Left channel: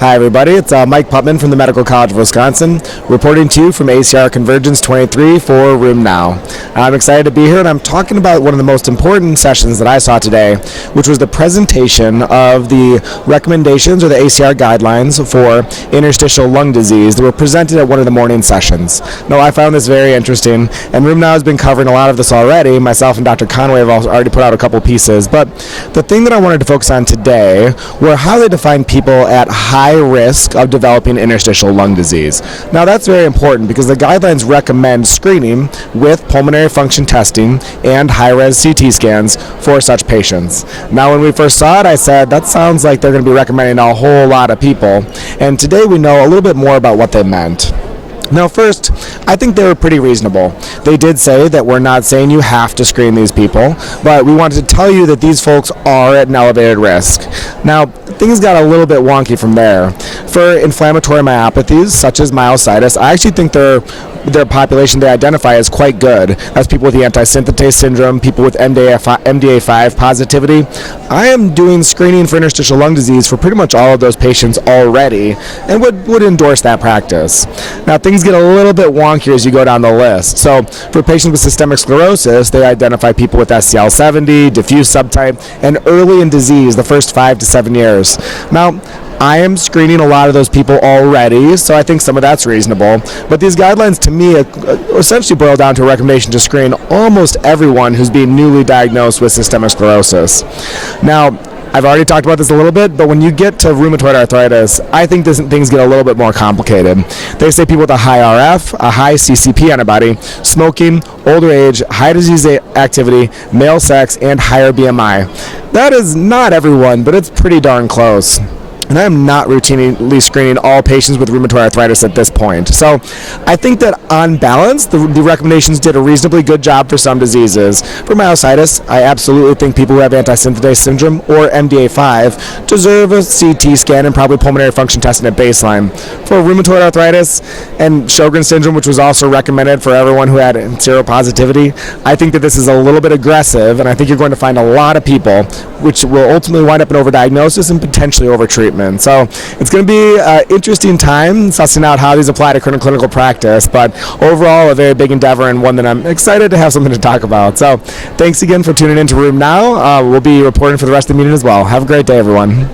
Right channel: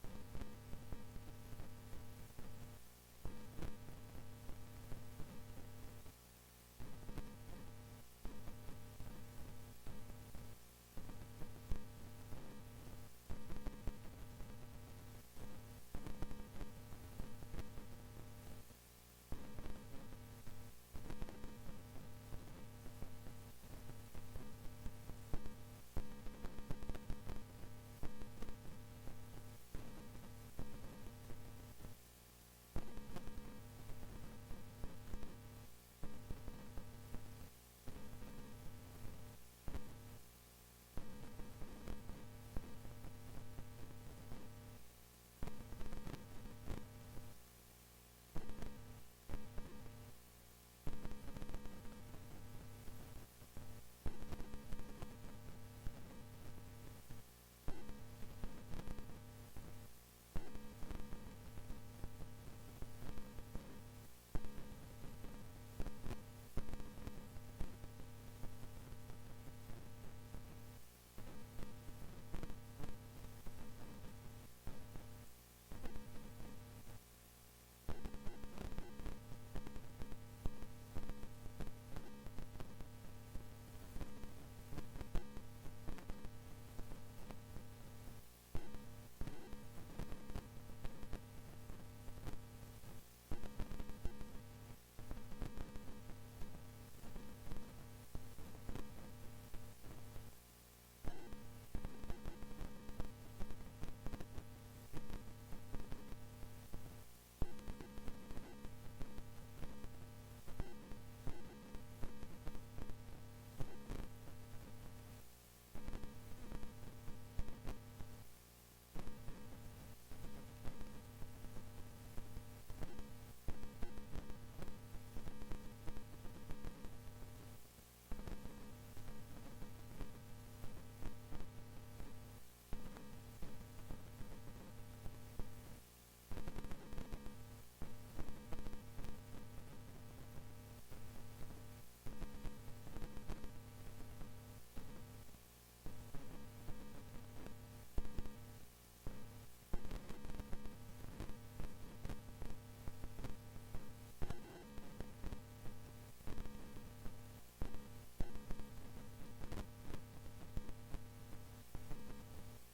Hi everybody, it's Mike Putman from the Medical College of Wisconsin, reporting to you from ACR Convergence 23 for Room Now. I'm excited to be here, and I'm talking about one of the most important sessions that I saw today, which was the presentation of the recommendations or the ACR guidelines for interstitial lung disease that were presented at one of the morning sessions. Now, I found this very interesting, and Room Now has been covering a lot of this already. Myself and Dr. Conway have already put out a couple pieces, but the thing that I wanted to focus on today were how they define people at high risk of developing interstitial lung disease. Now that's very important because the guidelines recommend screening with pulmonary function testing and high-res CT scans for such patients. Now when we first saw it, I said that sounds like they're going to be recommending a whole lot of people, and today we know a little bit more about what they meant. Now first, I think they were pretty reasonable. They did say that we're not saying you have to screen these people, but we wanted to tell you that these folks are at an elevated risk. Now, things got a little bit wonky from there. For inflammatory myopathies, such as myositis, I actually think their population they identify as quite good. That's people with the anti-synthetase syndrome, people with MDA5 positivity. I am doing screening for interstitial lung disease for pretty much all of those patients already and would endorse that practice. Now things get a little bit wonkier as you go down the list. So for patients with systemic sclerosis, they identify people with SCL70, diffuse subtype, and early in disease the first 5 to 7 years. Now, I am screening a lot of those people already, so I think some of that's reasonable. But these guidelines, to me, essentially boil down to a recommendation to screen almost everyone who's being newly diagnosed with systemic sclerosis. Now, I've already talked about this a little bit, but when you get to rheumatoid arthritis, I think things get a little bit more complicated. They say people with a high RF, a high CCP antibody, smoking, older age, high disease activity, male sex, and higher BMI. That is not everyone, but it's pretty darn close. And I am not routinely screening all patients with rheumatoid arthritis at this point. So I think that on balance, the recommendations did a reasonably good job for some diseases. For myositis, I absolutely think people who have anti-synthetase syndrome or MDA5 deserve a CT scan and probably pulmonary function testing at baseline. For rheumatoid arthritis and Sjogren's syndrome, which was also recommended for everyone who had seropositivity, I think that this is a little bit aggressive, and I think you're going to find a lot of people which will ultimately wind up in overdiagnosis and potentially overtreatment. So it's going to be an interesting time sussing out how these apply to clinical practice, but overall a very big endeavor and one that I'm excited to have something to talk about. So thanks again for tuning in to Room Now. We'll be reporting for the rest of the meeting as well. Have a great day, everyone.